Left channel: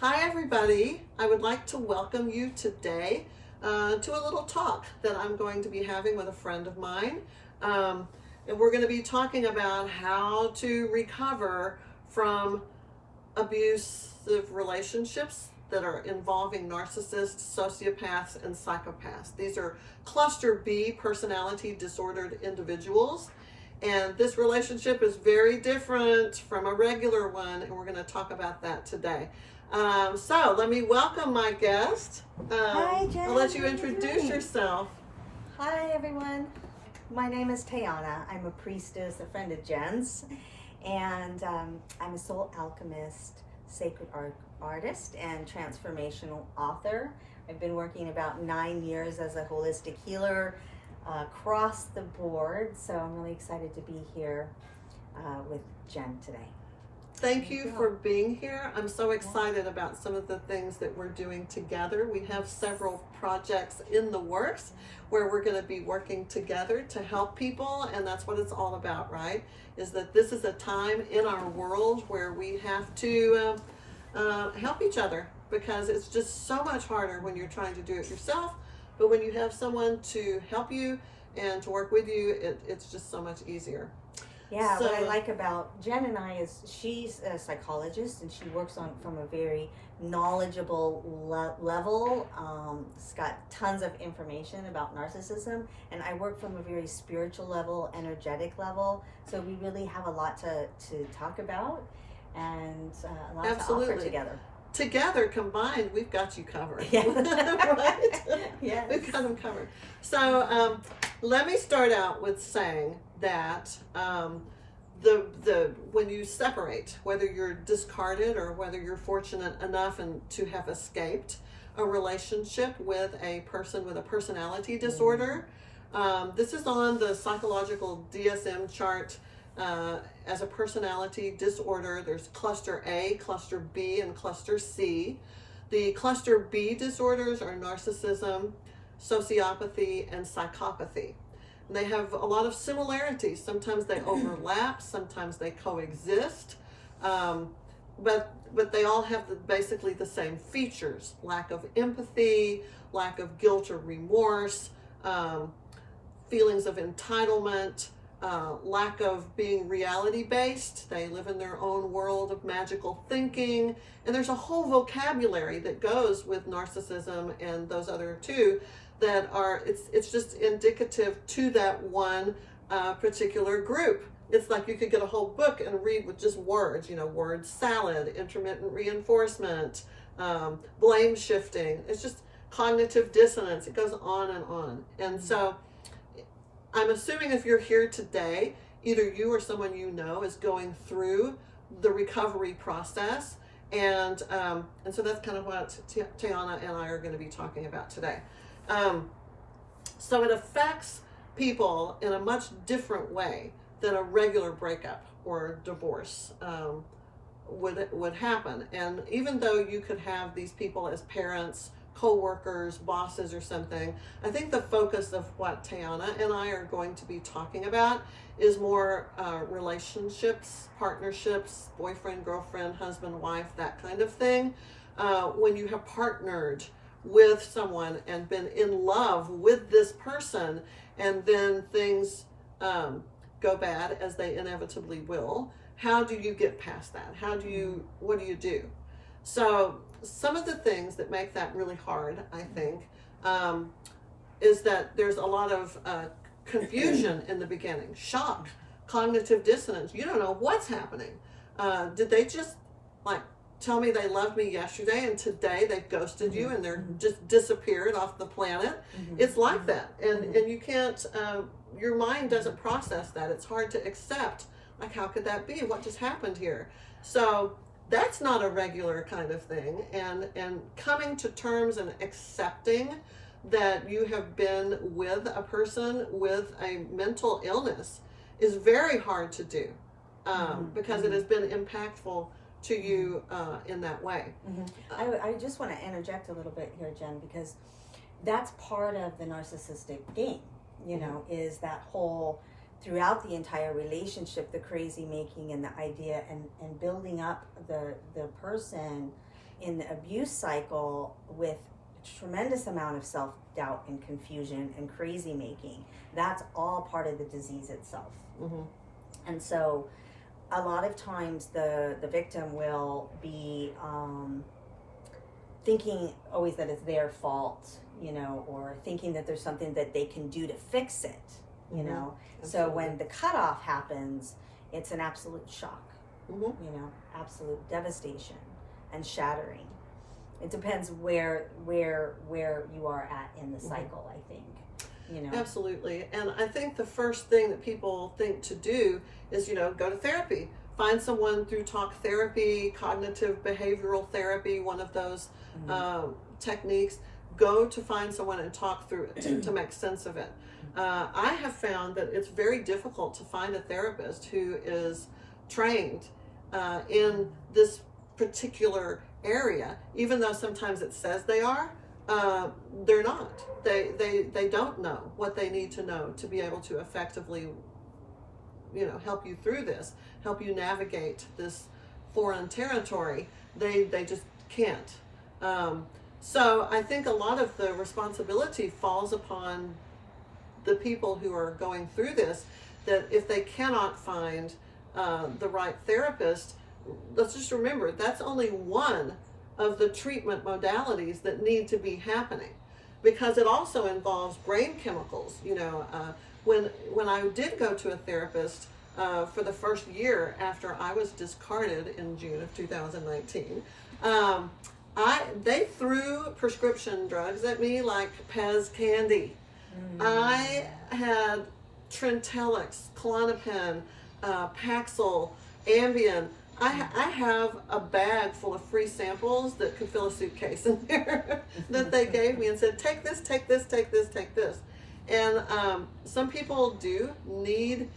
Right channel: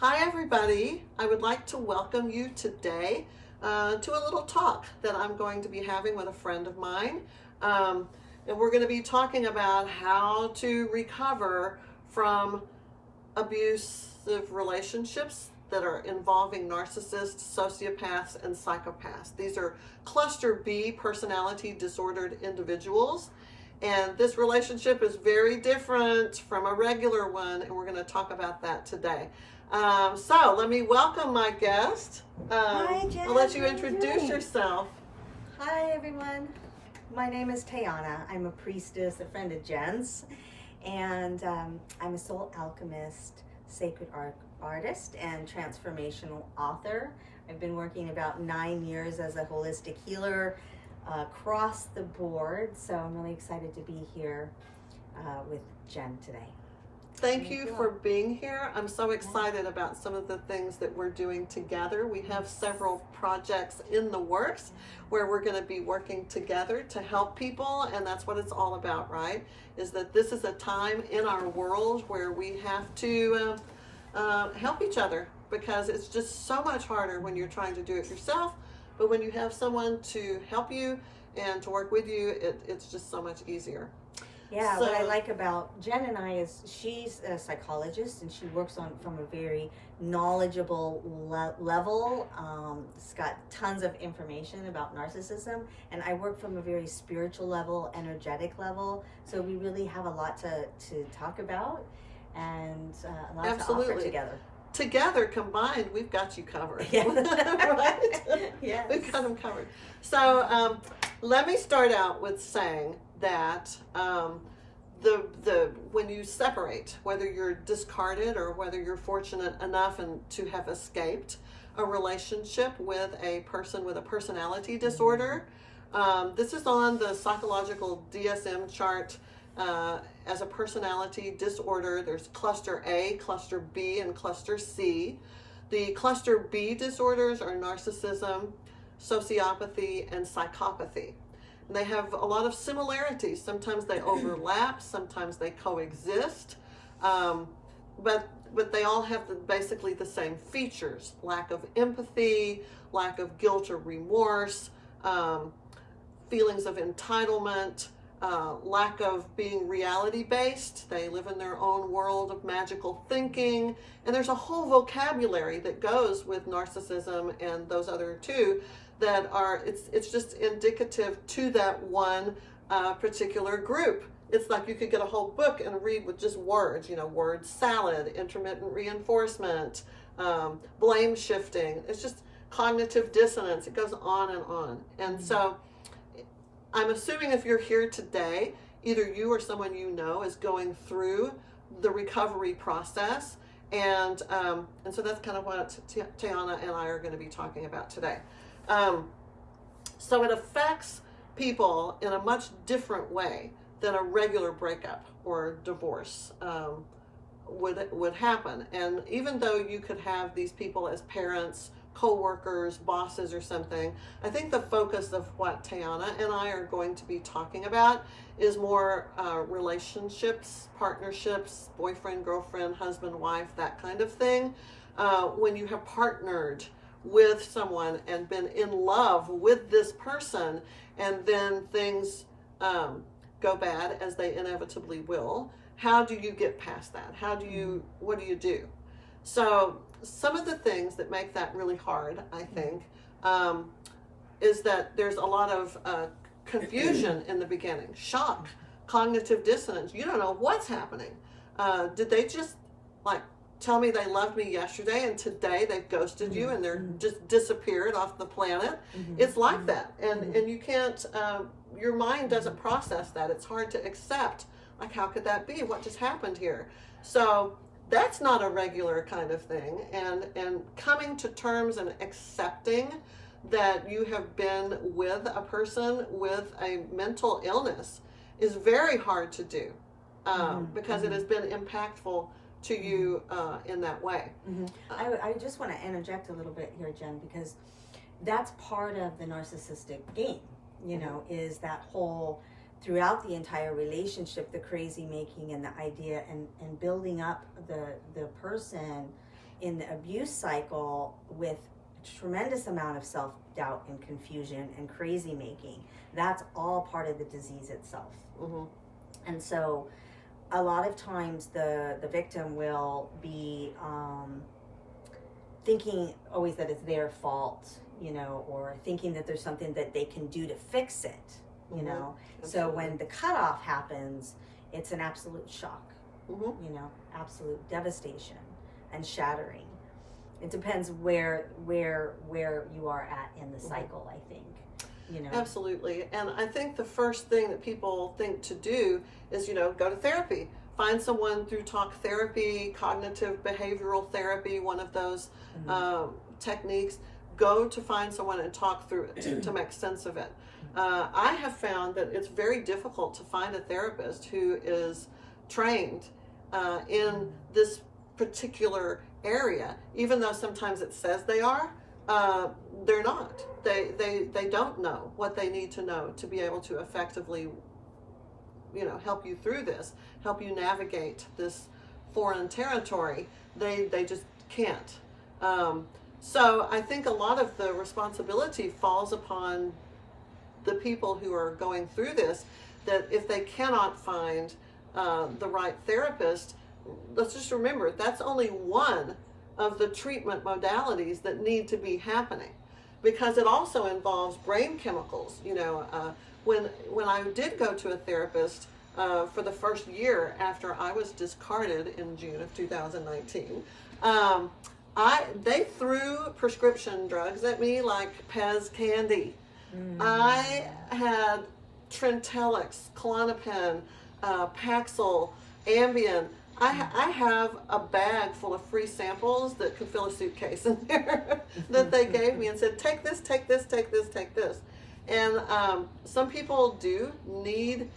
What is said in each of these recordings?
Hi everybody, I would like to welcome you today to a little talk that I'm going to be having with a friend of mine. And we're going to be talking about how to recover from abusive relationships that are involving narcissists, sociopaths, and psychopaths. These are cluster B personality disordered individuals. And this relationship is very different from a regular one, and we're going to talk about that today. So let me welcome my guest. Hi, Jen. I'll let you introduce yourself. Hi, everyone. My name is Tehana. I'm a priestess, a friend of Jen's, and I'm a soul alchemist, sacred artist, and transformational author. I've been working about 9 years as a holistic healer across the board, so I'm really excited to be here with Jen today. Thank you for being here. I'm so excited about some of the things that we're doing together. We have several projects in the works where we're going to be working together to help people, and that's what it's all about, right? Is that this is a time in our world where we have to help each other, because it's just so much harder when you're trying to do it yourself, but when you have someone to help you and to work with you, it's just so much easier. Yeah, what I like about Jen and I is she's a psychologist and she works from a very knowledgeable level. It's got tons of information about narcissism, and I work from a very spiritual level, energetic level. So we really have a lot to talk about and a lot to offer together. Together, combined, we've got you covered. Yeah. Right? Yes. We've got them covered. So let me start out with saying that when you separate, whether you're discarded or whether you're fortunate enough to have escaped a relationship with a person with a personality disorder, this is on the psychological DSM chart. As a personality disorder, there's cluster A, cluster B, and cluster C. The cluster B disorders are narcissism, sociopathy, and psychopathy. And they have a lot of similarities. Sometimes they overlap, sometimes they coexist, but they all have basically the same features: lack of empathy, lack of guilt or remorse, feelings of entitlement, lack of being reality-based. They live in their own world of magical thinking, and there's a whole vocabulary that goes with narcissism and those other two that are, it's just indicative to that one particular group. It's like you could get a whole book and read with just words, word salad, intermittent reinforcement, blame shifting. It's just cognitive dissonance. It goes on and on. And so I'm assuming if you're here today, either you or someone you know is going through the recovery process. And so that's kind of what Tehana and I are going to be talking about today. So it affects people in a much different way than a regular breakup or divorce would happen. And even though you could have these people as parents, co-workers, bosses, or something, I think the focus of what Tehana and I are going to be talking about is more relationships, partnerships, boyfriend, girlfriend, husband, wife, that kind of thing. When you have partnered with someone and been in love with this person, and then things go bad, as they inevitably will, how do you get past that? What do you do? So some of the things that make that really hard, I think, is that there's a lot of confusion in the beginning, shock, cognitive dissonance. You don't know what's happening. Did they just tell me they loved me yesterday and today they've ghosted you and they're just disappeared off the planet? It's like that. And you can't, your mind doesn't process that. It's hard to accept. How could that be? What just happened here? So that's not a regular kind of thing. And coming to terms and accepting that you have been with a person with a mental illness is very hard to do, because it has been impactful to you in that way. I just want to interject a little bit here, Jen, because that's part of the narcissistic game, is that whole, throughout the entire relationship, the crazy making and the idea and building up the person in the abuse cycle with tremendous amount of self-doubt and confusion and crazy making. That's all part of the disease itself. Mm-hmm. And so a lot of times the victim will be thinking always that it's their fault, you know, or thinking that there's something that they can do to fix it, you Mm-hmm. know. Absolutely. So when the cutoff happens, it's an absolute shock, Mm-hmm. you know, absolute devastation and shattering. It depends where you are at in the cycle, I think, you know. Absolutely. And I think the first thing that people think to do is, you know, go to therapy. Find someone through talk therapy, cognitive behavioral therapy, one of those techniques. Go to find someone and talk through it to make sense of it. I have found that it's very difficult to find a therapist who is trained in this particular area, even though sometimes it says they are. They're not. They don't know what they need to know to be able to effectively, you know, help you through this, help you navigate this foreign territory. They just can't. So I think a lot of the responsibility falls upon the people who are going through this, that if they cannot find the right therapist, let's just remember that's only one of the treatment modalities that need to be happening, because it also involves brain chemicals. You know, when I did go to a therapist for the first year after I was discarded in June of 2019, they threw prescription drugs at me like Pez candy. I had Trintellix, Klonopin, Paxil, Ambien. I have a bag full of free samples that could fill a suitcase in there that they gave me and said, take this, take this, take this, take this. And some people do need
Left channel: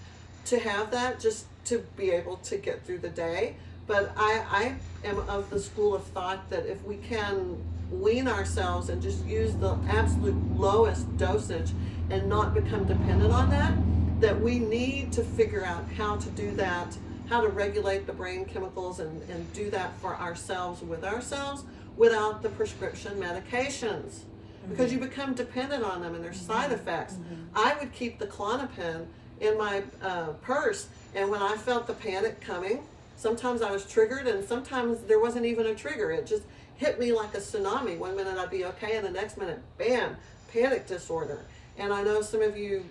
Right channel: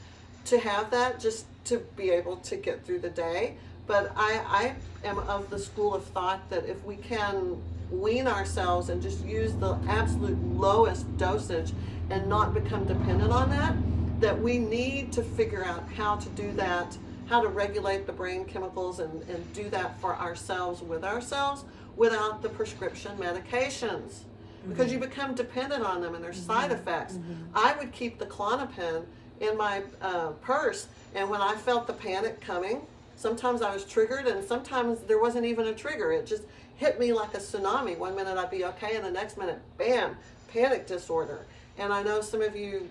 to have that just to be able to get through the day. But I am of the school of thought that if we can wean ourselves and just use the absolute lowest dosage and not become dependent on that, that we need to figure out how to do that, how to regulate the brain chemicals and do that for ourselves with ourselves without the prescription medications. Because you become dependent on them and their side effects. I would keep the Klonopin in my purse, and when I felt the panic coming, sometimes I was triggered and sometimes there wasn't even a trigger. It just hit me like a tsunami. One minute I'd be okay and the next minute, bam, panic disorder. And I know some of you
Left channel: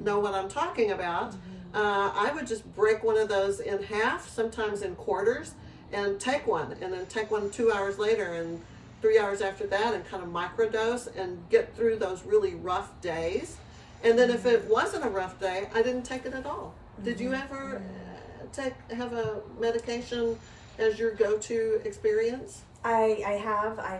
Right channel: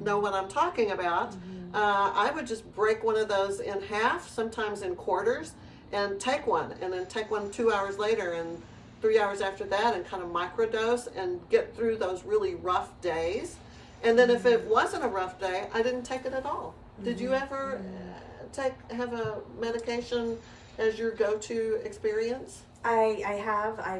know what I'm talking about. I would just break one of those in half, sometimes in quarters, and take one, and then take one 2 hours later and 3 hours after that, and kind of microdose and get through those really rough days. And then if it wasn't a rough day, I didn't take it at all. Did you ever have a medication as your go-to experience? I've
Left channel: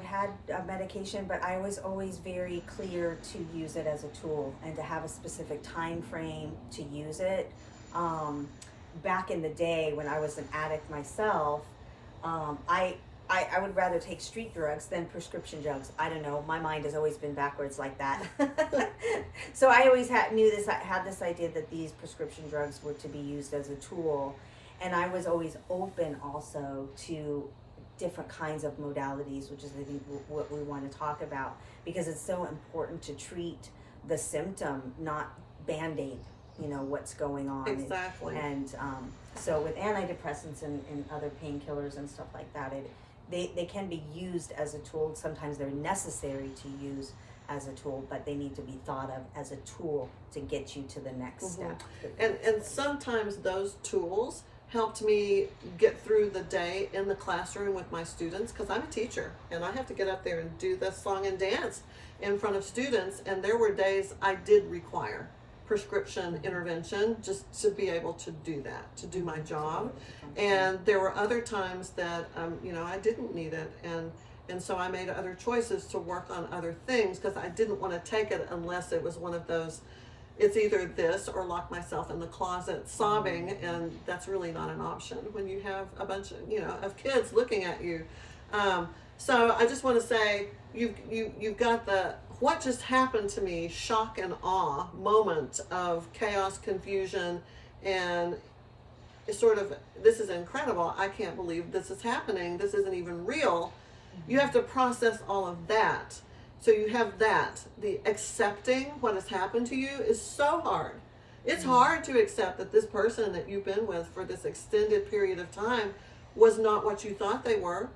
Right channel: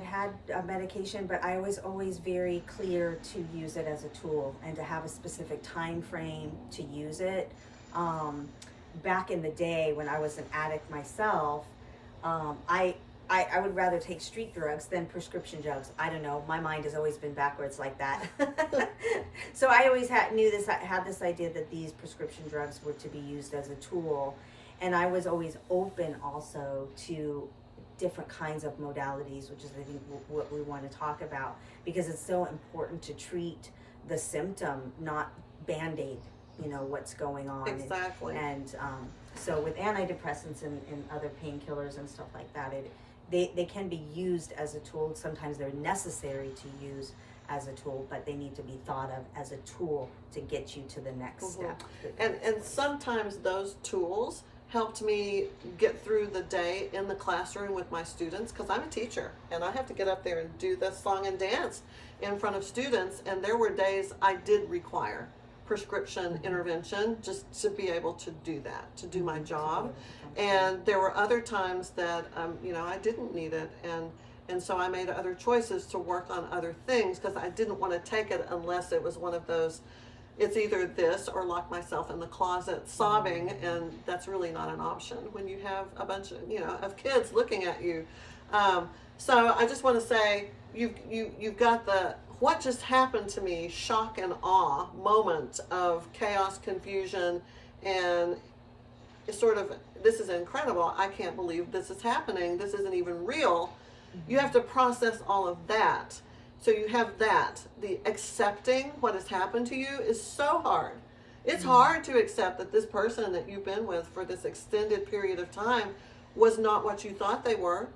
had a medication, but I was always very clear to use it as a tool and to have a specific time frame to use it. Back in the day when I was an addict myself, I would rather take street drugs than prescription drugs. I don't know. My mind has always been backwards like that. So I always had this idea that these prescription drugs were to be used as a tool. And I was always open also to different kinds of modalities, which is, I think, what we want to talk about, because it's so important to treat the symptom, not Band-Aid, you know, what's going on. Exactly. And so with antidepressants and other painkillers and stuff like that, they can be used as a tool. Sometimes they're necessary to use as a tool, but they need to be thought of as a tool to get you to the next step. And sometimes those tools helped me get through the day in the classroom with my students, because I'm a teacher and I have to get up there and do the song and dance in front of students, and there were days I did require prescription intervention just to be able to do that, to do my job. And there were other times that I didn't need it, and so I made other choices to work on other things, because I didn't want to take it unless it was one of those, it's either this or lock myself in the closet sobbing, and that's really not an option when you have a bunch of kids looking at you. So I just want to say, you've got the what just happened to me shock and awe moment of chaos, confusion, and sort of, this is incredible. I can't believe this is happening. This isn't even real. You have to process all of that. So you have that. The accepting what has happened to you is so hard. It's hard to accept that this person that you've been with for this extended period of time was not what you thought they were.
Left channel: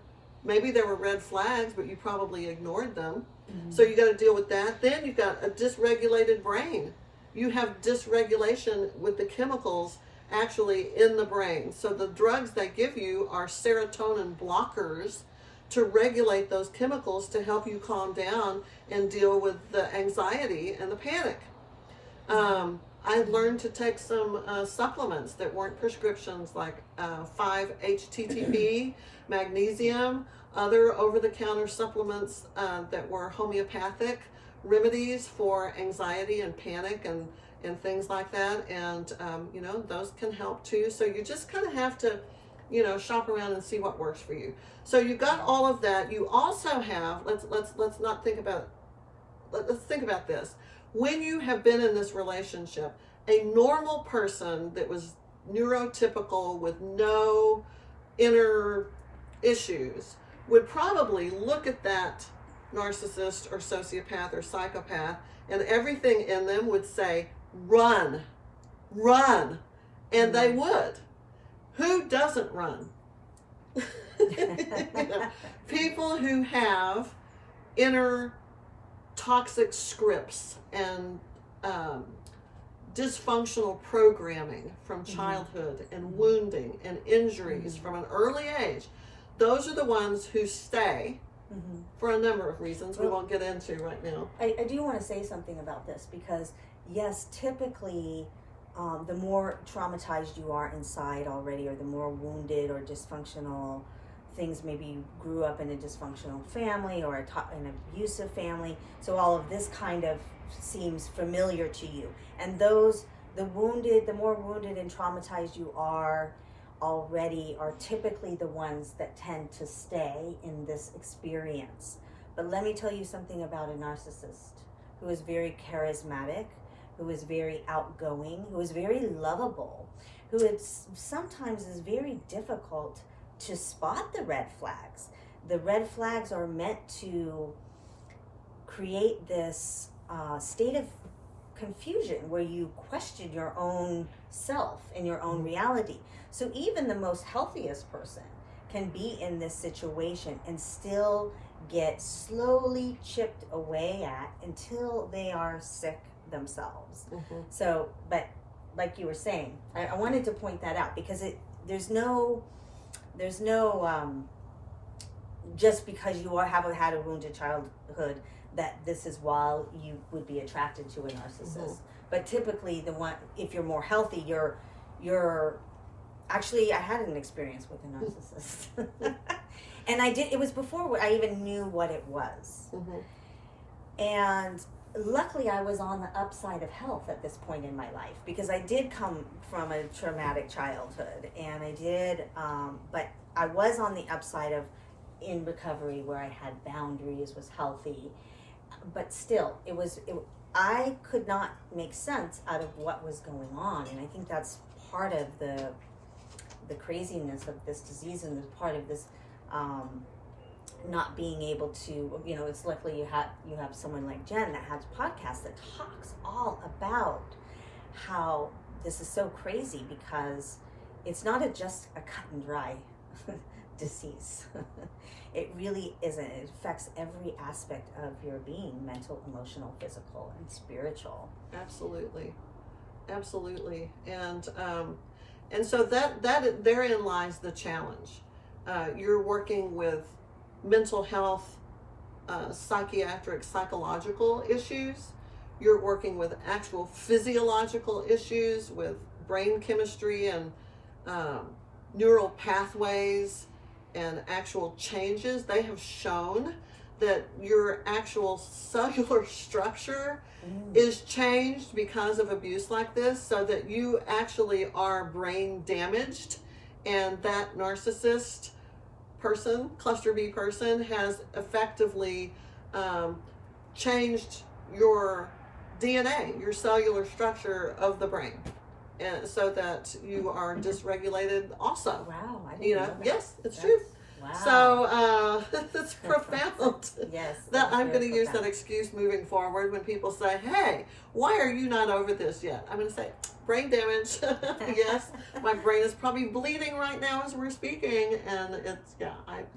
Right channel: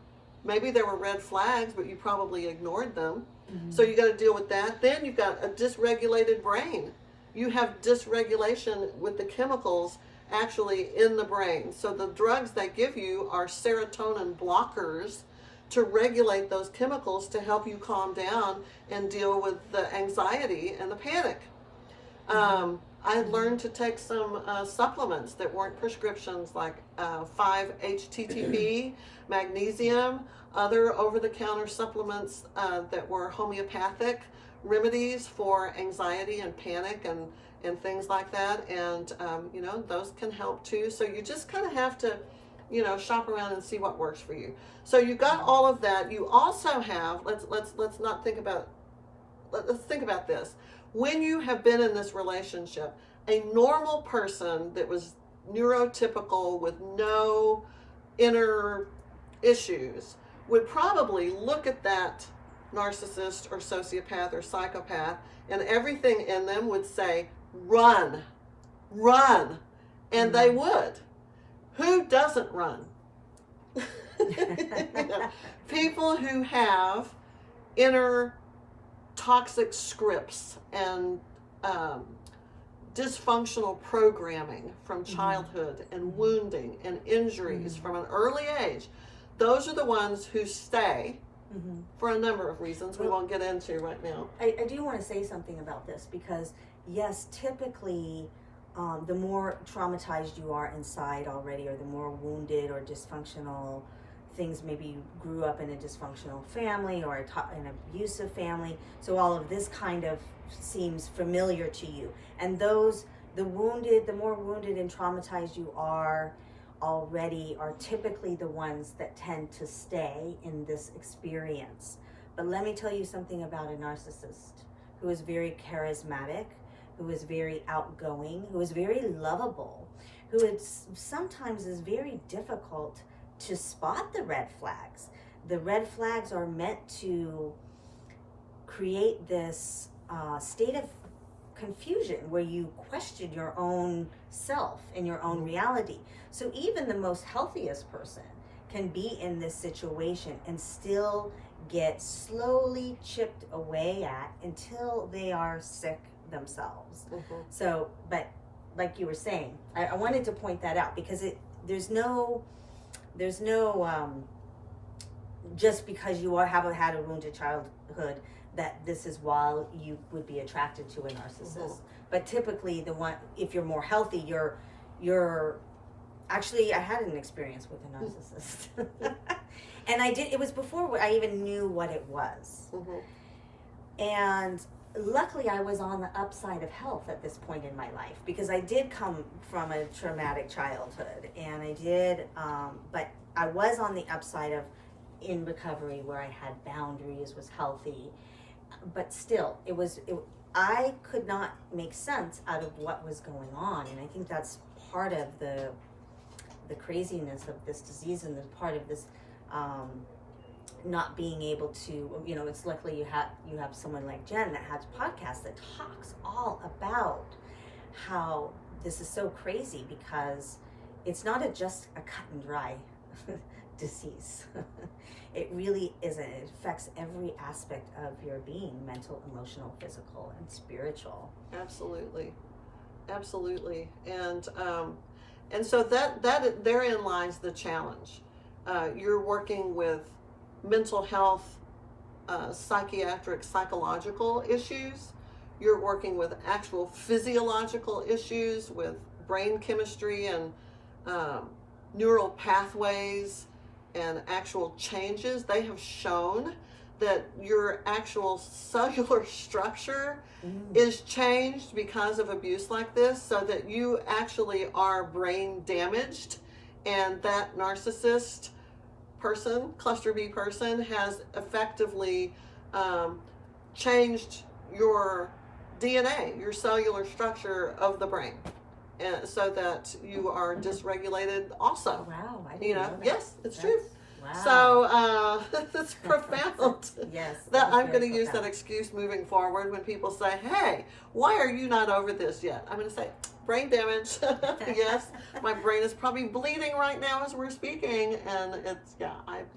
Maybe there were red flags, but you probably ignored them. So you got to deal with that. Then you've got a dysregulated brain. You have dysregulation with the chemicals actually in the brain. So the drugs they give you are serotonin blockers to regulate those chemicals to help you calm down and deal with the anxiety and the panic. I had learned to take some supplements that weren't prescriptions, like 5-HTTP, magnesium, other over-the-counter supplements that were homeopathic remedies for anxiety and panic and things like that. And, those can help too. So you just kind of have to, shop around and see what works for you. So you got all of that. You also have, let's not think about, let's think about this. When you have been in this relationship, a normal person that was neurotypical with no inner issues would probably look at that narcissist or sociopath or psychopath, and everything in them would say, run, and they would. Who doesn't run? People who have inner toxic scripts and dysfunctional programming from childhood and wounding and injuries from an early age, those are the ones who stay for a number of reasons we won't get into right now. I do want to say something about this because, yes, typically the more traumatized you are inside already, or the more wounded or dysfunctional things, maybe you grew up in a dysfunctional family or an abusive family, so all of this kind of seems familiar to you. And the more wounded and traumatized you are already, are typically the ones that tend to stay in this experience. But let me tell you something about a narcissist who is very charismatic, who is very outgoing, who is very lovable, who sometimes is very difficult to spot the red flags. The red flags are meant to create this state of confusion where you question your own self and your own reality. So even the most healthiest person can be in this situation and still get slowly chipped away at until they are sick themselves. So, but like you were saying, I wanted to point that out because there's no just because you haven't had a wounded childhood that this is why you would be attracted to a narcissist. But typically if you're more healthy, you're actually, I had an experience with a narcissist. And it was before I even knew what it was. And luckily I was on the upside of health at this point in my life because I did come from a traumatic childhood, and I did, but I was on the upside of in recovery where I had boundaries, was healthy, but still I could not make sense out of what was going on. And I think that's part of the craziness of this disease, and the part of this not being able to, it's luckily you have someone like Jen that has podcasts that talks all about how this is so crazy, because it's not just a cut and dry disease. It really isn't. It affects every aspect of your being: mental, emotional, physical, and spiritual. Absolutely. And so that therein lies the challenge. You're working with mental health, psychiatric, psychological issues. You're working with actual physiological issues with brain chemistry and neural pathways and actual changes. They have shown that your actual cellular structure is changed because of abuse like this, so that you actually are brain damaged, and that narcissist person, cluster B person, has effectively changed your DNA, your cellular structure of the brain, and so that you are dysregulated also. Wow, I didn't know that. Yes, it's true. Wow. So that's profound. Yes. That I'm going to use profound. that excuse moving forward when people say, "Hey, why are you not over this yet?" I'm going to say, "Brain damage." Yes, my brain is probably bleeding right now as we're speaking, and it's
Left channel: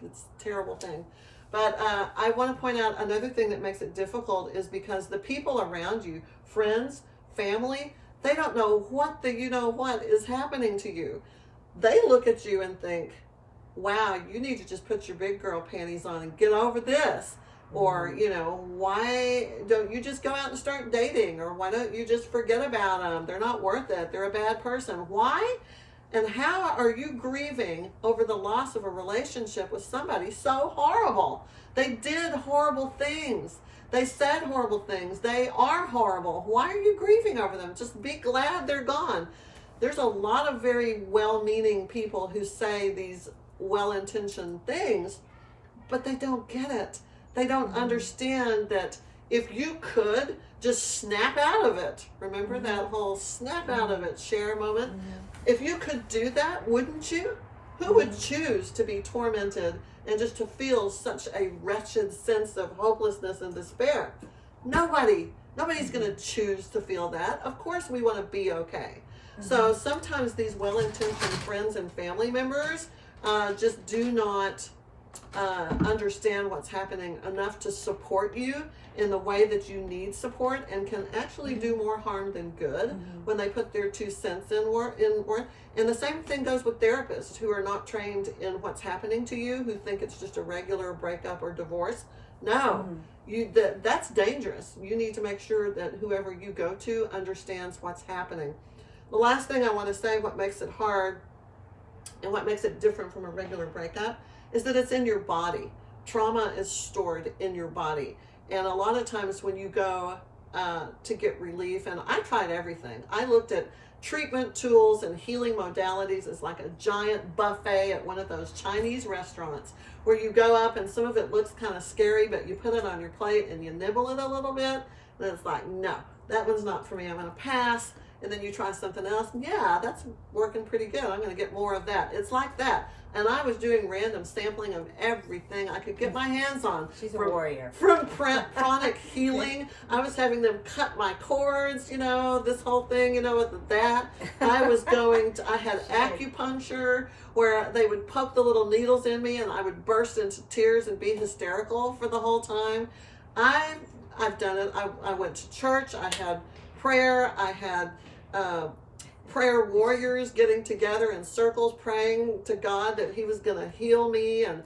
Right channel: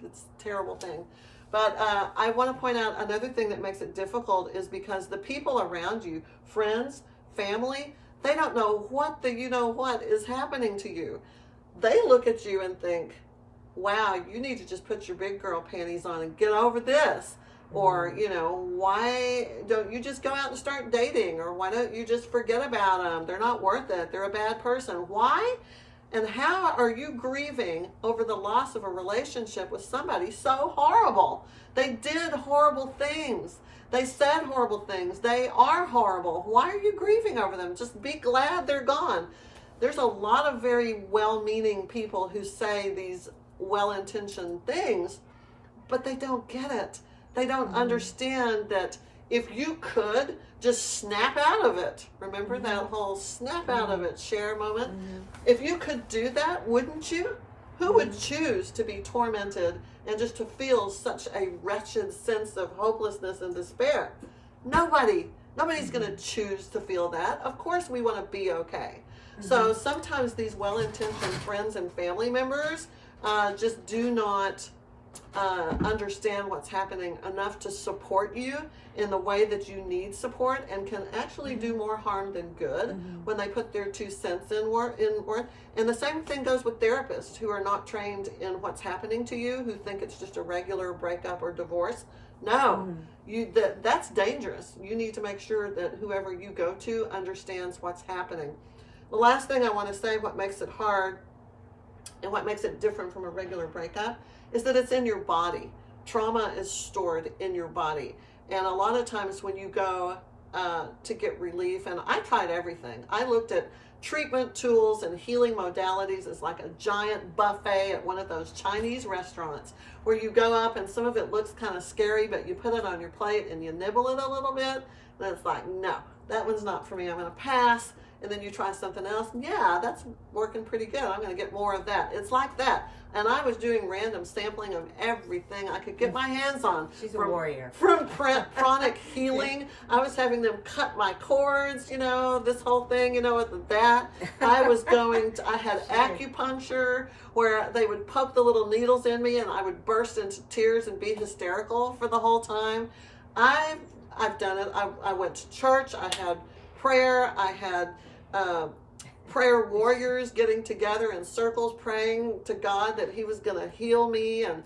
it's a terrible thing. But I want to point out another thing that makes it difficult is because the people around you, friends, family, they don't know what what is happening to you. They look at you and think, wow, you need to just put your big girl panties on and get over this. Or, why don't you just go out and start dating? Or why don't you just forget about them? They're not worth it. They're a bad person. Why? And how are you grieving over the loss of a relationship with somebody so horrible? They did horrible things. They said horrible things. They are horrible. Why are you grieving over them? Just be glad they're gone. There's a lot of very well-meaning people who say these well-intentioned things, but they don't get it. They don't understand that if you could just snap out of it, remember that whole snap out of it, share moment? If you could do that, wouldn't you? Who would choose to be tormented and just to feel such a wretched sense of hopelessness and despair? Nobody. Nobody's going to choose to feel that. Of course we want to be okay. So sometimes these well-intentioned friends and family members just do not understand what's happening enough to support you in the way that you need support, and can actually do more harm than good when they put their 2 cents in work. And the same thing goes with therapists who are not trained in what's happening to you, who think it's just a regular breakup or divorce. No, that's dangerous. You need to make sure that whoever you go to understands what's happening. The last thing I want to say, what makes it hard and what makes it different from a regular breakup, is that it's in your body. Trauma is stored in your body. And a lot of times when you go to get relief, and I tried everything. I looked at treatment tools and healing modalities. It's like a giant buffet at one of those Chinese restaurants where you go up and some of it looks kind of scary, but you put it on your plate and you nibble it a little bit. And it's like, no, that one's not for me. I'm going to pass. And then you try something else. Yeah, that's working pretty good. I'm going to get more of that. It's like that. And I was doing random sampling of everything I could get my hands on. She's a warrior. From pranic healing. I was having them cut my cords, this whole thing, with that. I had acupuncture where they would poke the little needles in me and I would burst into tears and be hysterical for the whole time. I've done it. I went to church. I had prayer. I had prayer warriors getting together in circles praying to God that he was going to heal me, and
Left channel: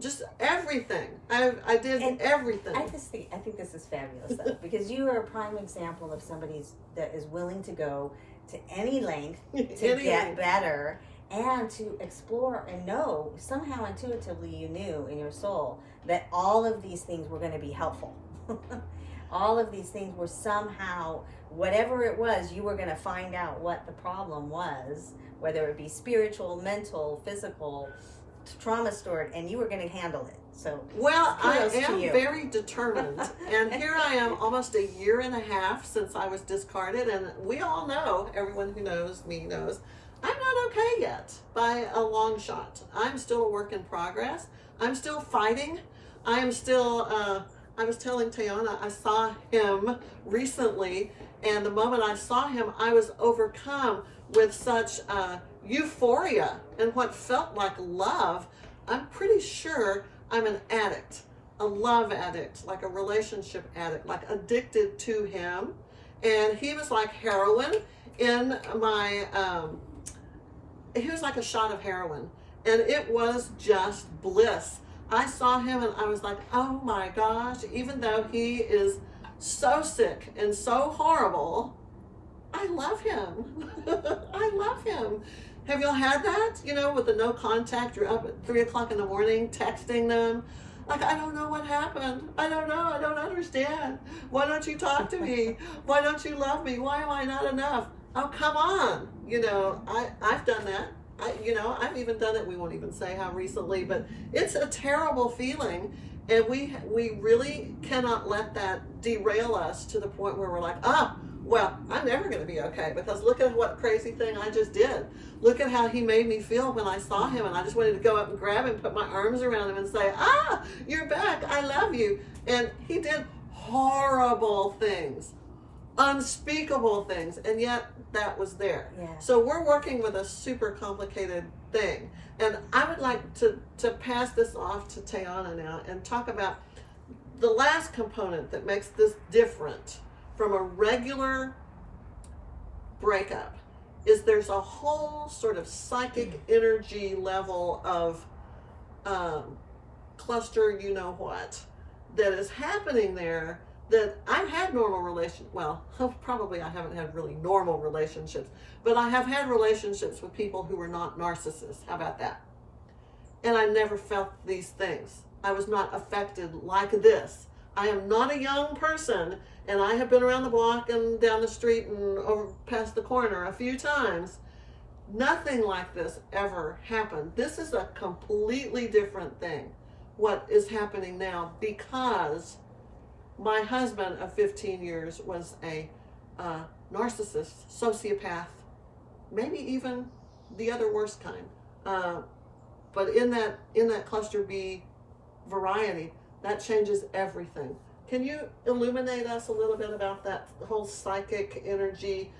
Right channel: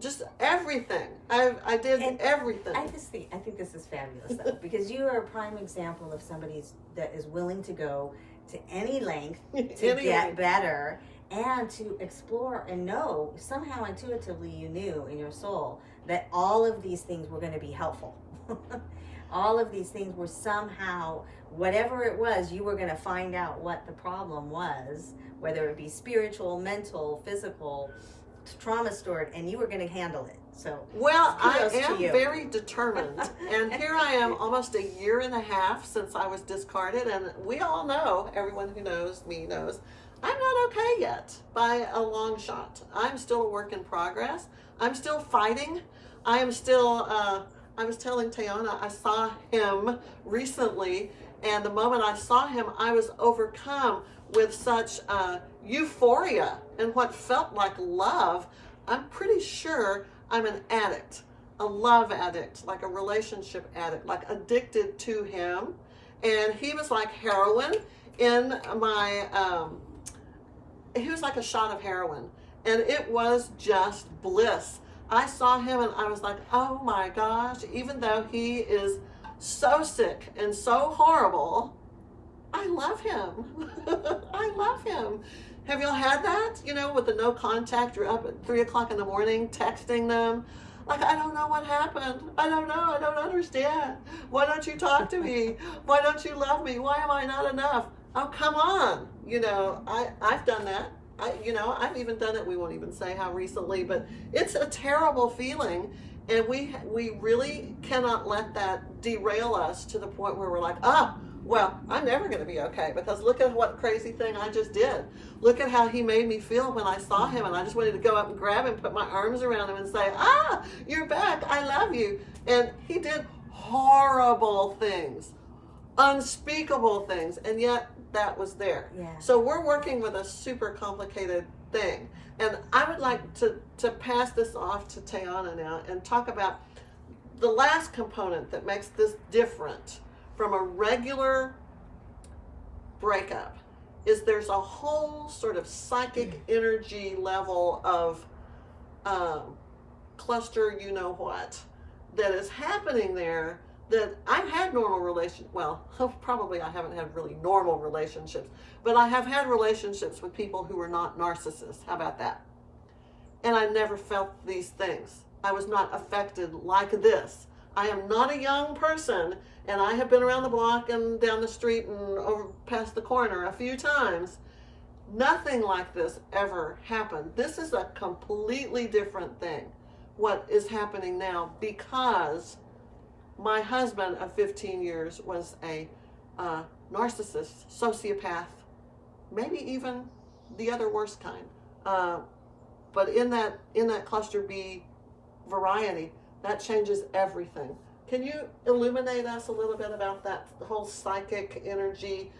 just everything. I did everything. I think this is fabulous though, because you are a prime example of somebody that is willing to go to any length to get better and to explore and know, somehow intuitively you knew in your soul that all of these things were going to be helpful. All of these things were somehow, whatever it was, you were going to find out what the problem was, whether it be spiritual, mental, physical, trauma stored, and you were going to handle it. So, well, I am very determined. And here I am almost 1.5 years since I was discarded. And we all know, everyone who knows me knows, I'm not okay yet by a long shot. I'm still a work in progress. I'm still fighting. I am still, I was telling Tehana, I saw him recently, and the moment I saw him, I was overcome with such euphoria and what felt like love. I'm pretty sure I'm an addict, a love addict, like a relationship addict, like addicted to him. And he was like heroin in my, he was like a shot of heroin, and it was just bliss. I saw him and I was like, oh my gosh, even though he is so sick and so horrible, I love him. I love him. Have y'all had that? With the no contact, you're up at 3 o'clock in the morning texting them. Like, I don't know what happened. I don't know. I don't understand. Why don't you talk to me? Why don't you love me? Why am I not enough? Oh, come on. I've done that. I've even done it. We won't even say how recently, but it's a terrible feeling. And we really cannot let that derail us to the point where we're like, well, I'm never going to be okay because look at what crazy thing I just did. look at how he made me feel when I saw him, and I just wanted to go up and grab him, put my arms around him and say, ah, you're back, I love you. And he did horrible things, unspeakable things, and yet that was there. Yeah. So we're working with a super complicated thing. And I would like to pass this off to Tehana now and talk about the last component that makes this different from a regular breakup. Is there's a whole sort of psychic energy level of cluster, you know what, that is happening there, that I've had normal relationships, well, probably I haven't had really normal relationships, but I have had relationships with people who were not narcissists. How about that? And I never felt these things. I was not affected like this. I am not a young person, and I have been around the block and down the street and over past the corner a few times. Nothing like this ever happened. This is a completely different thing, what is happening now, because my husband of 15 years was a narcissist, sociopath, maybe even the other worst kind. But in that cluster B variety, that changes everything. Can you illuminate us a little bit about that whole psychic energy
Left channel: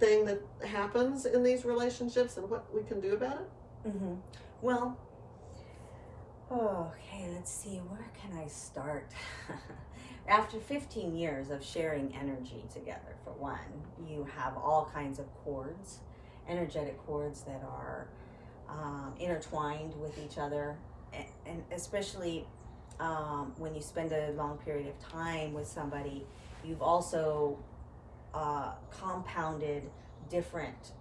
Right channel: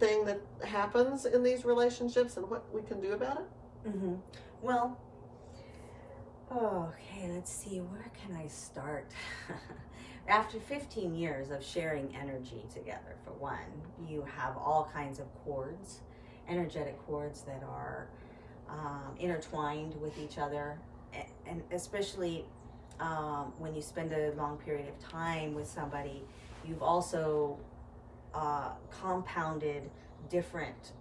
thing that happens in these relationships and what we can do about it? Mm-hmm. Well, okay, let's see, where can I start? After 15 years of sharing energy together, for one, you have all kinds of cords, energetic cords that are intertwined with each other, and especially when you spend a long period of time with somebody, you've also compounded different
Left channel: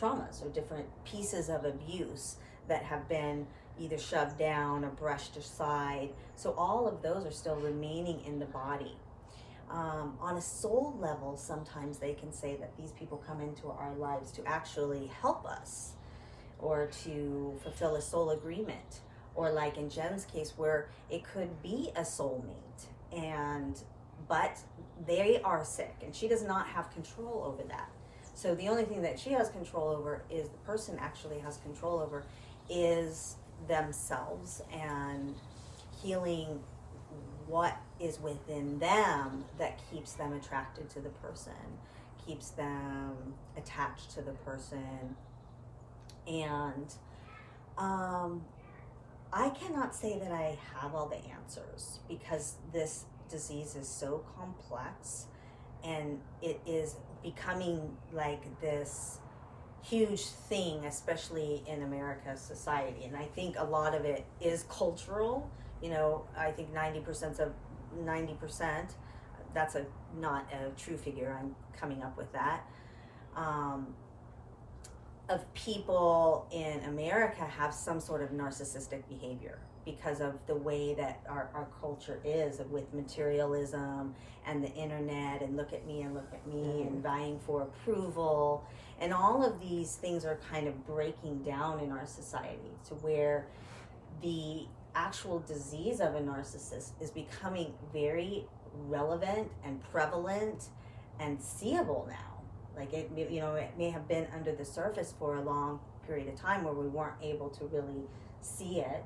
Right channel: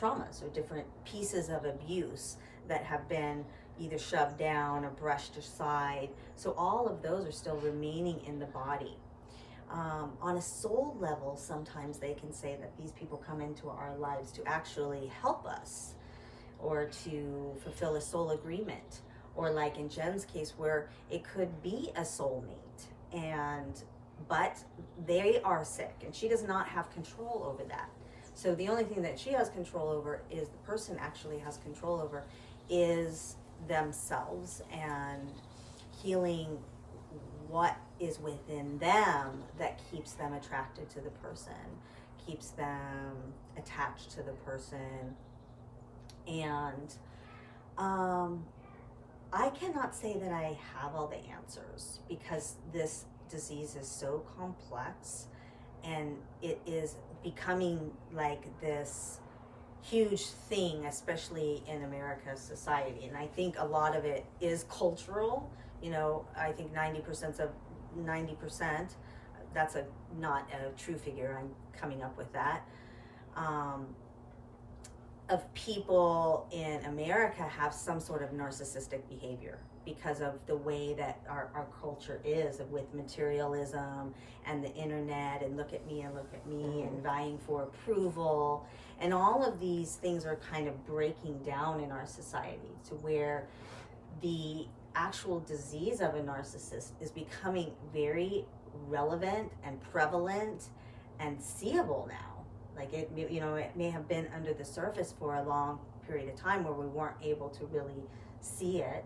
traumas or different pieces of abuse that have been either shoved down or brushed aside. So all of those are still remaining in the body. On a soul level, sometimes they can say that these people come into our lives to actually help us or to fulfill a soul agreement, or like in Jen's case where it could be a soulmate, but they are sick and she does not have control over that. So the only thing that she has control over, is the person actually has control over, is themselves and healing what is within them that keeps them attracted to the person, keeps them attached to the person. And I cannot say that I have all the answers, because this disease is so complex and it is becoming like this huge thing, especially in America's society. And I think a lot of it is cultural. You know, I think 90%, that's not a true figure, I'm coming up with that, of people in America have some sort of narcissistic behavior because of the way that our culture is, with materialism and the internet and look at me and vying for approval. And all of these things are kind of breaking down in our society to where the actual disease of a narcissist is becoming very relevant and prevalent and seeable now. Like it may have been under the surface for a long period of time where we weren't able to really see it.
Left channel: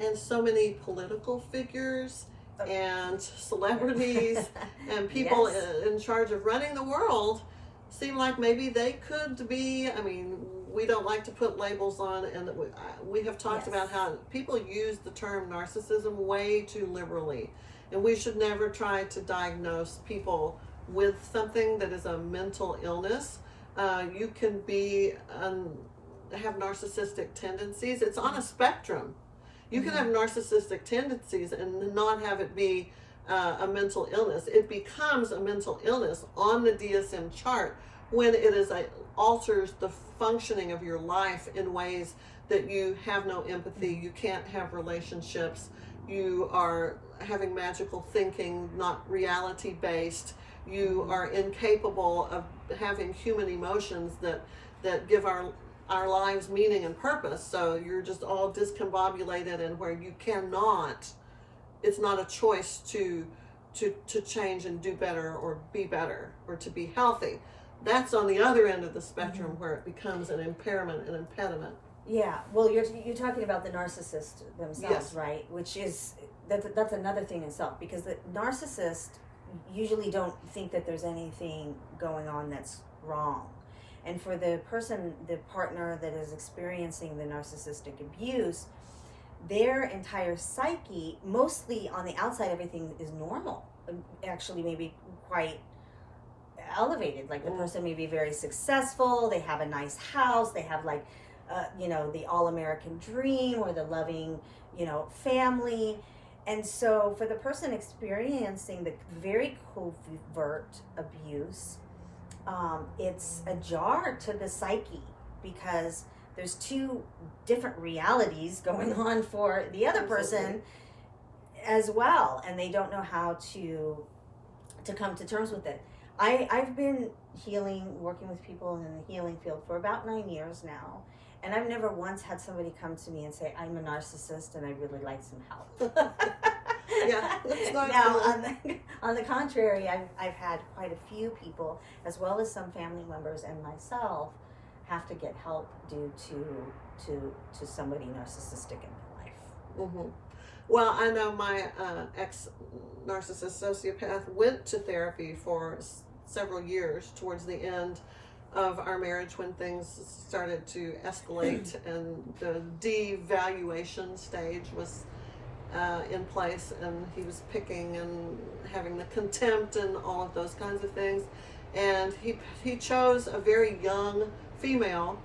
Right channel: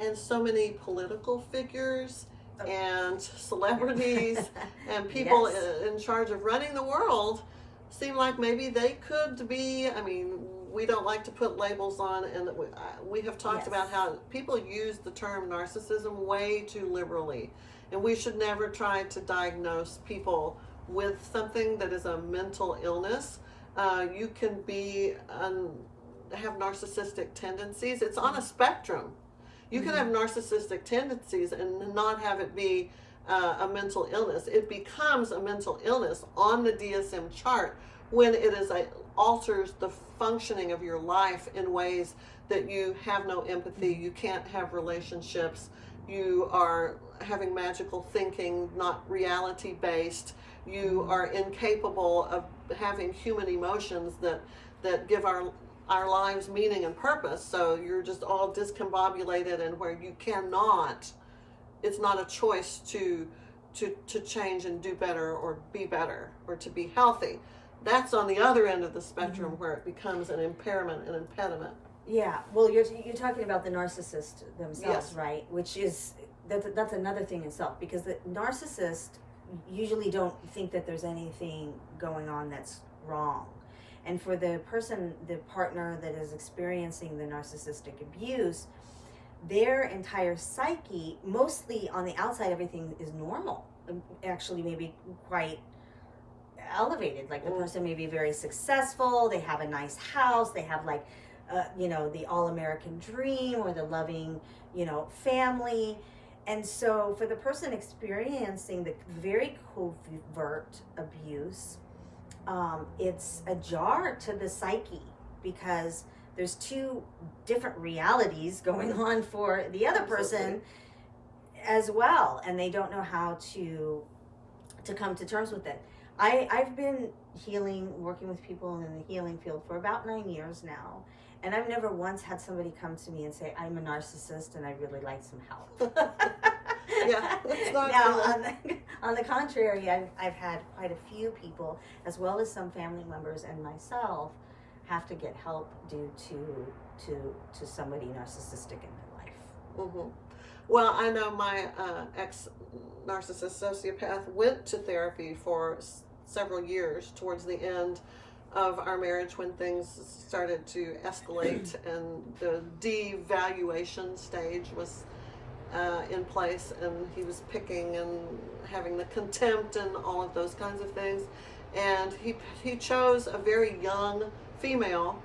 And so many political figures and celebrities and people in charge of running the world seem like maybe they could be, I mean, we don't like to put labels on, and we have talked about how people use the term narcissism way too liberally. And we should never try to diagnose people with something that is a mental illness. You can have narcissistic tendencies. It's on a spectrum. You can have narcissistic tendencies and not have it be a mental illness. It becomes a mental illness on the DSM chart when it alters the functioning of your life in ways that you have no empathy, you can't have relationships, you are having magical thinking, not reality based, you are incapable of having human emotions that give our lives meaning and purpose. So you're just all discombobulated, and where you cannot, it's not a choice to change and do better or be better or to be healthy. that's on the other end of the spectrum where it becomes an impairment, an impediment. Yeah, well, you're talking about the narcissist themselves, Yes. right? Which is, that's another thing in itself, because the narcissist usually don't think that there's anything going on that's wrong. And for the person, the partner that is experiencing the narcissistic abuse, their entire psyche, mostly on the outside, everything is normal. Actually, maybe quite elevated. Like the person may be very successful, they have a nice house, they have like, the all-American dream or the loving, family. And so for the person experiencing the very covert abuse, it's a jar to the psyche, because there's two different realities going on for the other person as well, and they don't know how to come to terms with it. I've been working with people in the healing field for about 9 years now, and I've never once had somebody come to me and say, I'm a narcissist and I'd really like some help. Yeah, that's not now, on the contrary, I've had quite a few people, as well as some family members and myself, have to get help due to somebody narcissistic in their life. Mm-hmm. Well, I know my ex-narcissist sociopath went to therapy for several years towards the end of our marriage, when things started to escalate and the devaluation stage was in place, and he was picking and having the contempt and all of those kinds of things. And he chose a very young female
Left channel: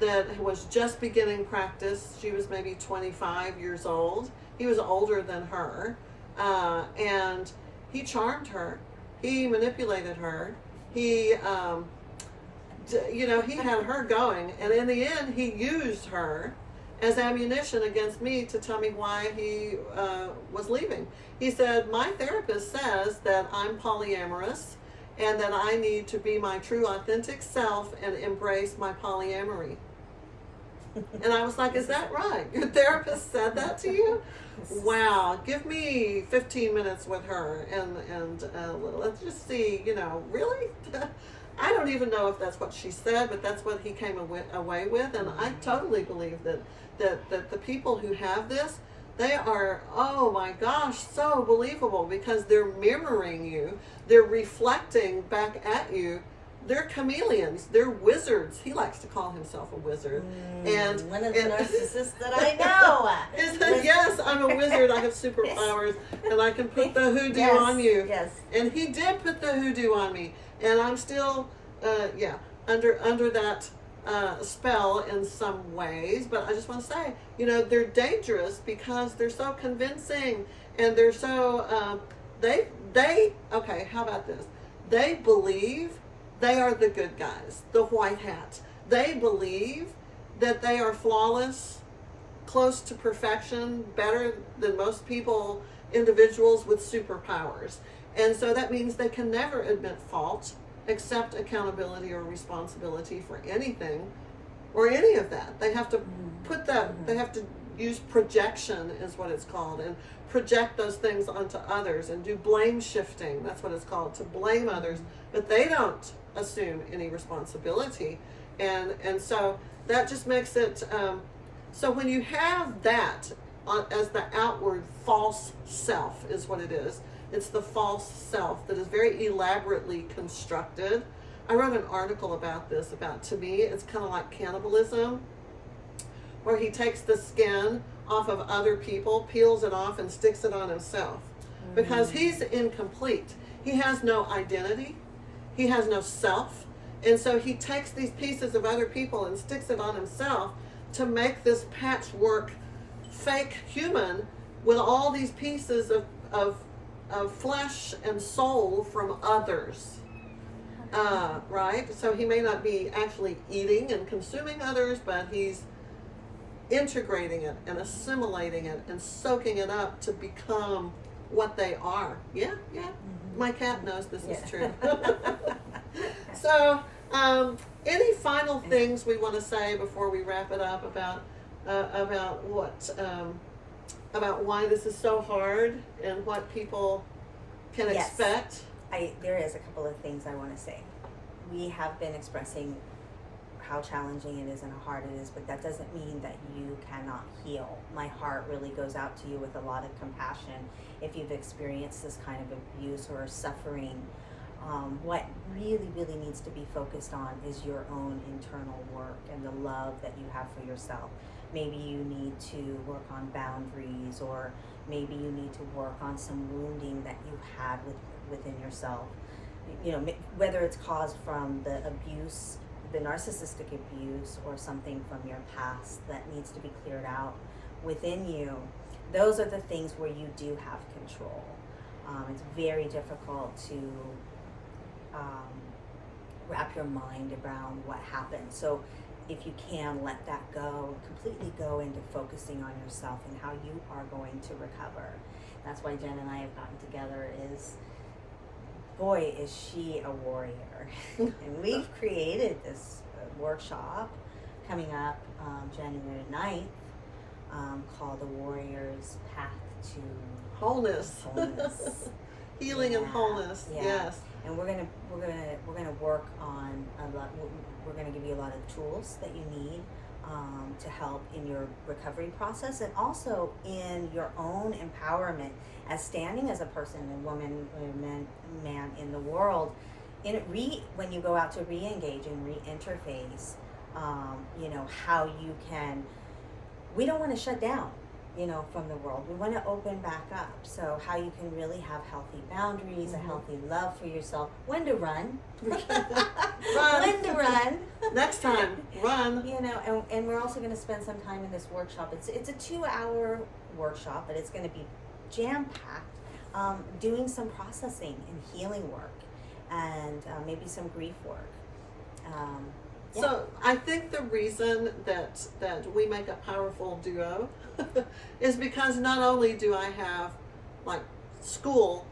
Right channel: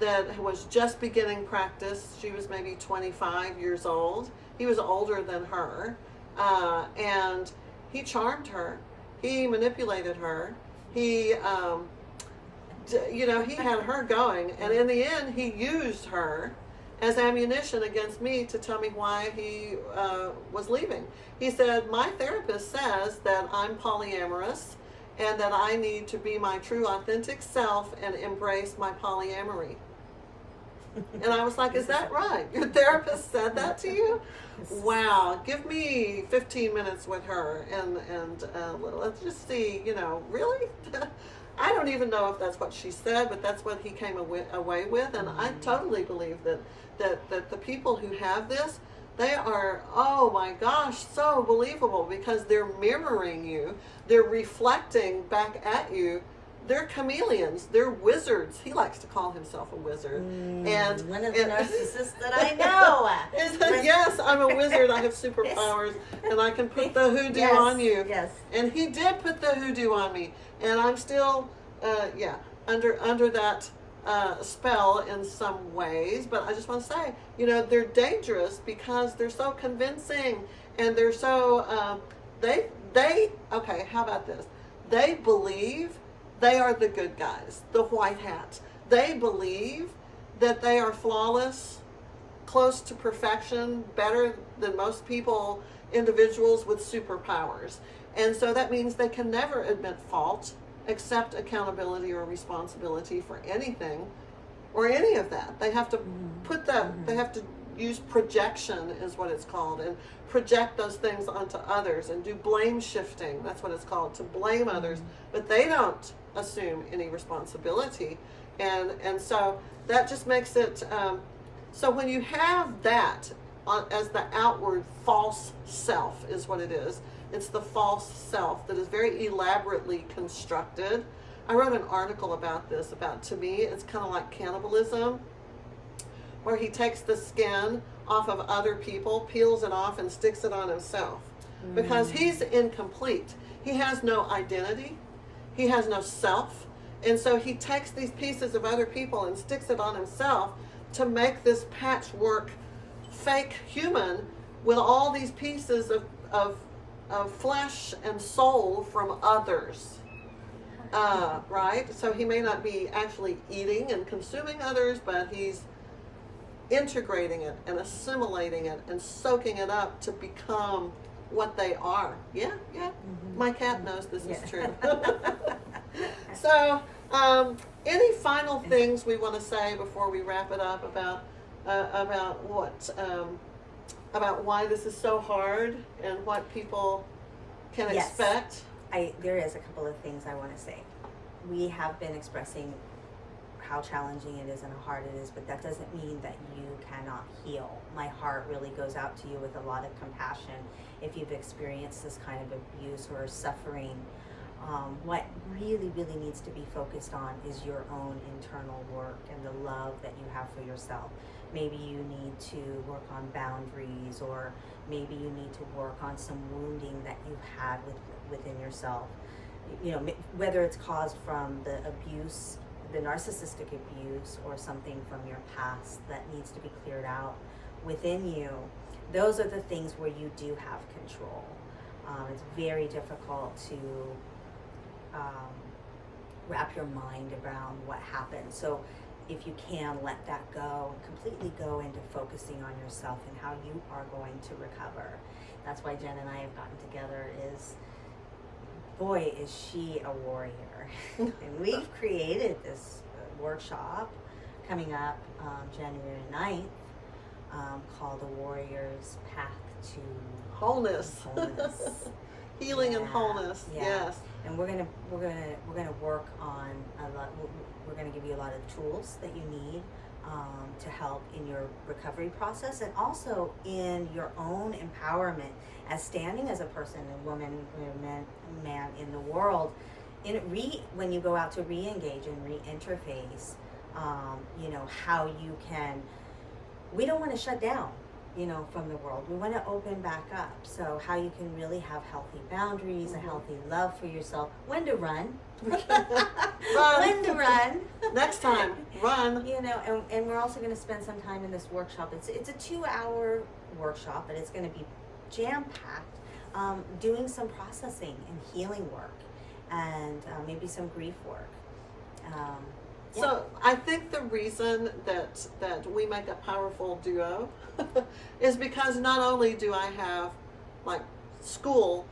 that was just beginning practice. She was maybe 25 years old. He was older than her, and he charmed her. He manipulated her. He had her going, and in the end, he used her as ammunition against me to tell me why he was leaving. He said, my therapist says that I'm polyamorous and that I need to be my true authentic self and embrace my polyamory. And I was like, is that right? Your therapist said that to you? Wow, give me 15 minutes with her and let's just see, really? I don't even know if that's what she said, but that's what he came away with. And I totally believe that the people who have this, they are, oh my gosh, so believable, because they're mirroring you. They're reflecting back at you. They're chameleons. They're wizards. He likes to call himself a wizard. And one of the narcissists that I know. Yes, I'm a wizard. I have superpowers, and I can put the hoodoo on you. Yes. And he did put the hoodoo on me, and I'm still, under that spell in some ways. But I just want to say, they're dangerous because they're so convincing, and they're so okay. How about this? They believe they are the good guys, the white hats. They believe that they are flawless, close to perfection, better than most people, individuals with superpowers. And so that means they can never admit fault, accept accountability or responsibility for anything or any of that. They have to put that, they have to use projection, is what it's called, and project those things onto others and do blame shifting. That's what it's called, to blame others. But they don't assume any responsibility. And so that just makes it, so when you have that as the outward false self, is what it is. It's the false self that is very elaborately constructed. I wrote an article about this, to me, it's kind of like cannibalism, where he takes the skin off of other people, peels it off, and sticks it on himself. Because he's incomplete. He has no identity. He has no self. And so he takes these pieces of other people and sticks it on himself to make this patchwork fake human with all these pieces of flesh and soul from others. Right? So he may not be actually eating and consuming others, but he's integrating it and assimilating it and soaking it up to become what they are. Yeah. My cat knows this is true. So, any final things we want to say before we wrap it up about why this is so hard and what people can expect? There is a couple of things I want to say. we have been expressing how challenging it is and how hard it is, but that doesn't mean that you cannot heal. My heart really goes out to you with a lot of compassion if you've experienced this kind of abuse or suffering. What really, really needs to be focused on is your own internal work and the love that you have for yourself. Maybe you need to work on boundaries, or maybe you need to work on some wounding that you had within yourself. You know, whether it's caused from the abuse, the narcissistic abuse, or something from your past that needs to be cleared out within you. Those are the things where you do have control. It's very difficult to wrap your mind around what happened. So if you can let that go and completely go into focusing on yourself and how you are going to recover. That's why Jen and I have gotten together. Is boy, is she a warrior. And we've created this workshop coming up January 9th called The Warrior's Path to Wholeness. Healing and wholeness. Yeah. Yes. And we're gonna work on a lot. We're gonna give you a lot of tools that you need to help in your recovery process, and also in your own empowerment as standing as a person, a woman, a man in the world. When you go out to re-engage and re-interface, you know, how you can. We don't want to shut down, you know, from the world. We want to open back up. So how you can really have healthy boundaries, a healthy love for yourself. When to run. When to run. Next time, run. You know, and we're also going to spend some time in this workshop. It's a 2-hour workshop, but it's going to be jam-packed, doing some processing and healing work, and maybe some grief work. Yeah. So I think the reason that we make a powerful duo is because not only do I have like school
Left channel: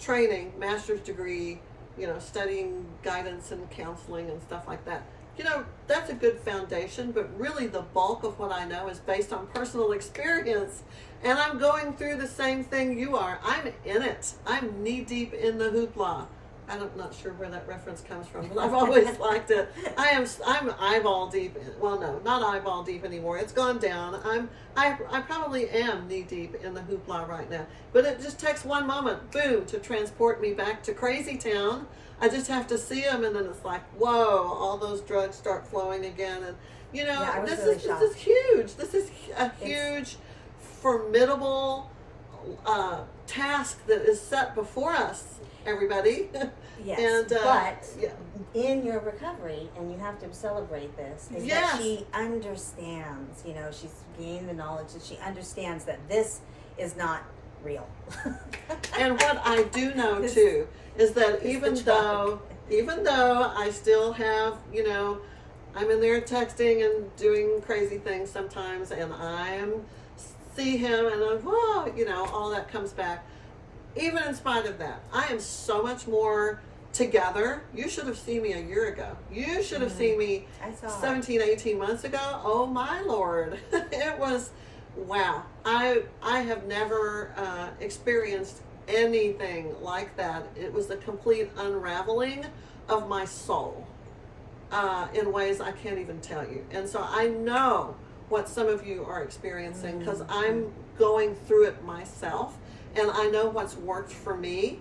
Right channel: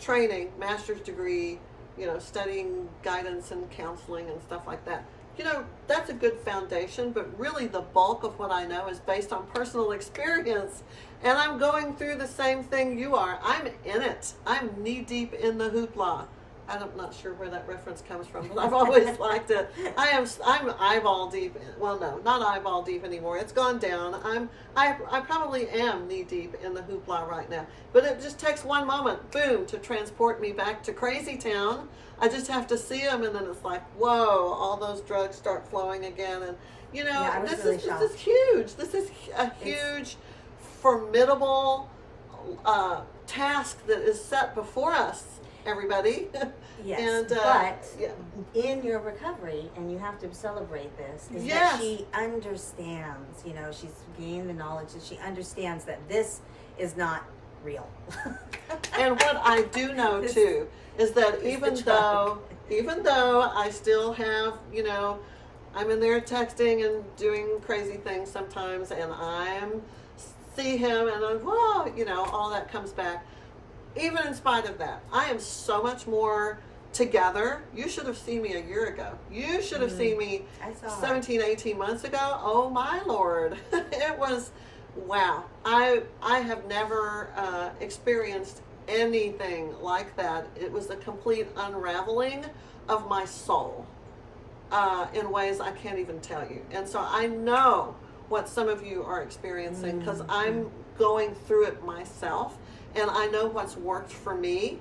training, master's degree, you know, studying guidance and counseling and stuff like that. You know, that's a good foundation, but really the bulk of what I know is based on personal experience. And I'm going through the same thing you are. I'm in it. I'm knee deep in the hoopla. I'm not sure where that reference comes from, but I've always liked it. I'm eyeball deep. Well, no, not eyeball deep anymore. It's gone down. I probably am knee deep in the hoopla right now. But it just takes one moment, boom, to transport me back to crazy town. I just have to see them, and then it's like, whoa, all those drugs start flowing again. And you know, this is huge. This is a huge, formidable task that is set before us, everybody. Yes, and, but in your recovery, and you have to celebrate this, is that she understands, you know, she's gained the knowledge that she understands that this is not real. And what I do know too is that even though I still have, you know, I'm in there texting and doing crazy things sometimes, and see him and whoa, you know, all that comes back. Even in spite of that, I am so much more together. You should have seen me a year ago. You should have seen me 17, 18 months ago. Oh my Lord. It was, wow. I have never experienced anything like that. It was a complete unraveling of my soul in ways I can't even tell you. And so I know what some of you are experiencing because I'm going through it myself. And I know what's worked for me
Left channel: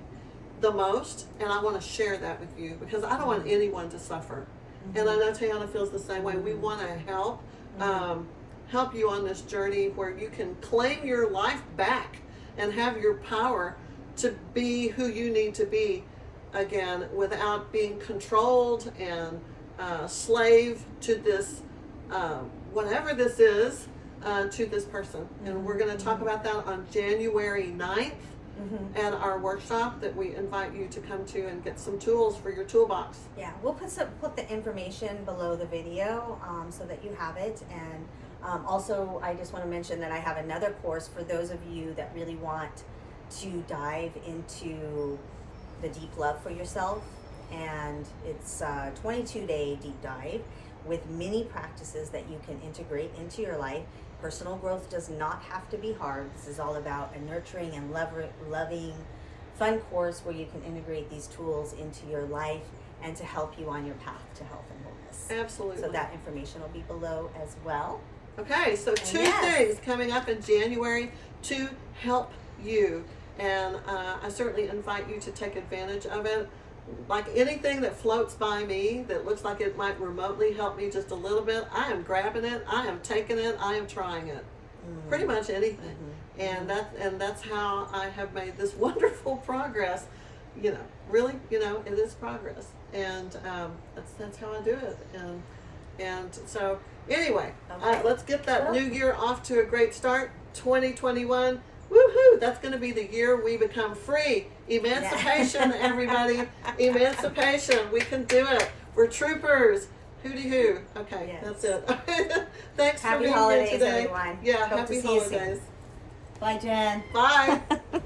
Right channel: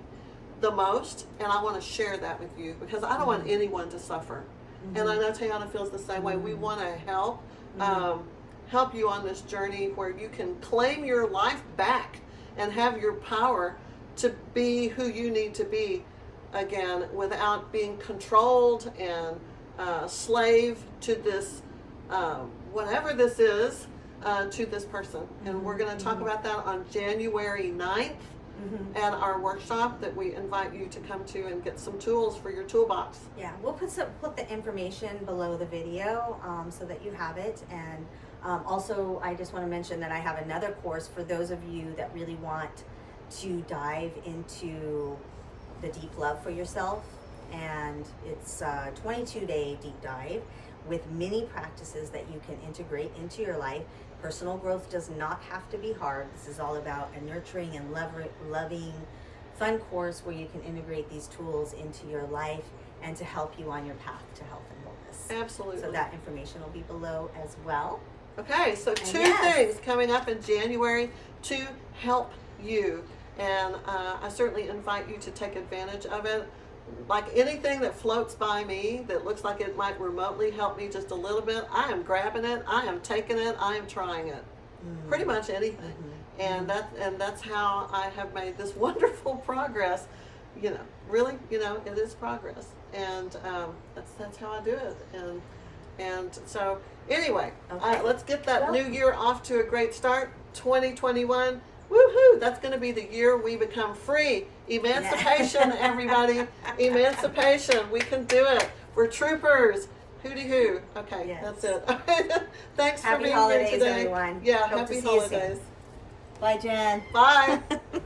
the most, and I want to share that with you because I don't want anyone to suffer. And I know Tehana feels the same way. We want to help you on this journey where you can claim your life back and have your power to be who you need to be again without being controlled and slave to this, whatever this is, to this person. And we're going to talk about that on January 9th at our workshop that we invite you to come to and get some tools for your toolbox. Yeah, we'll put the information below the video so that you have it. And also, I just want to mention that I have another course for those of you that really want to dive into the deep love for yourself. And it's a 22-day deep dive with many practices that you can integrate into your life. Personal growth does not have to be hard. This is all about a nurturing and loving, fun course where you can integrate these tools into your life and to help you on your path to health and wholeness. Absolutely. So that information will be below as well. Okay, so two yes. things coming up in January to help you. And I certainly invite you to take advantage of it. Like anything that floats by me that looks like it might remotely help me just a little bit, I am grabbing it, I am taking it, I am trying it. Pretty much anything. And that's how I have made this wonderful progress. You know, really, you know, it is progress. And that's how I do it. And so anyway, Okay. let's get that new year off to a great start. 2021. Woohoo! That's going to be the year we become free. Emancipation, everybody. Emancipation. We can do it. We're troopers. Hooty hoo. Okay, Yes. that's it. Thanks Happy for being holidays, here today. everyone. Yeah, Hope happy to see you soon. holidays. Bye, Jen. Bye.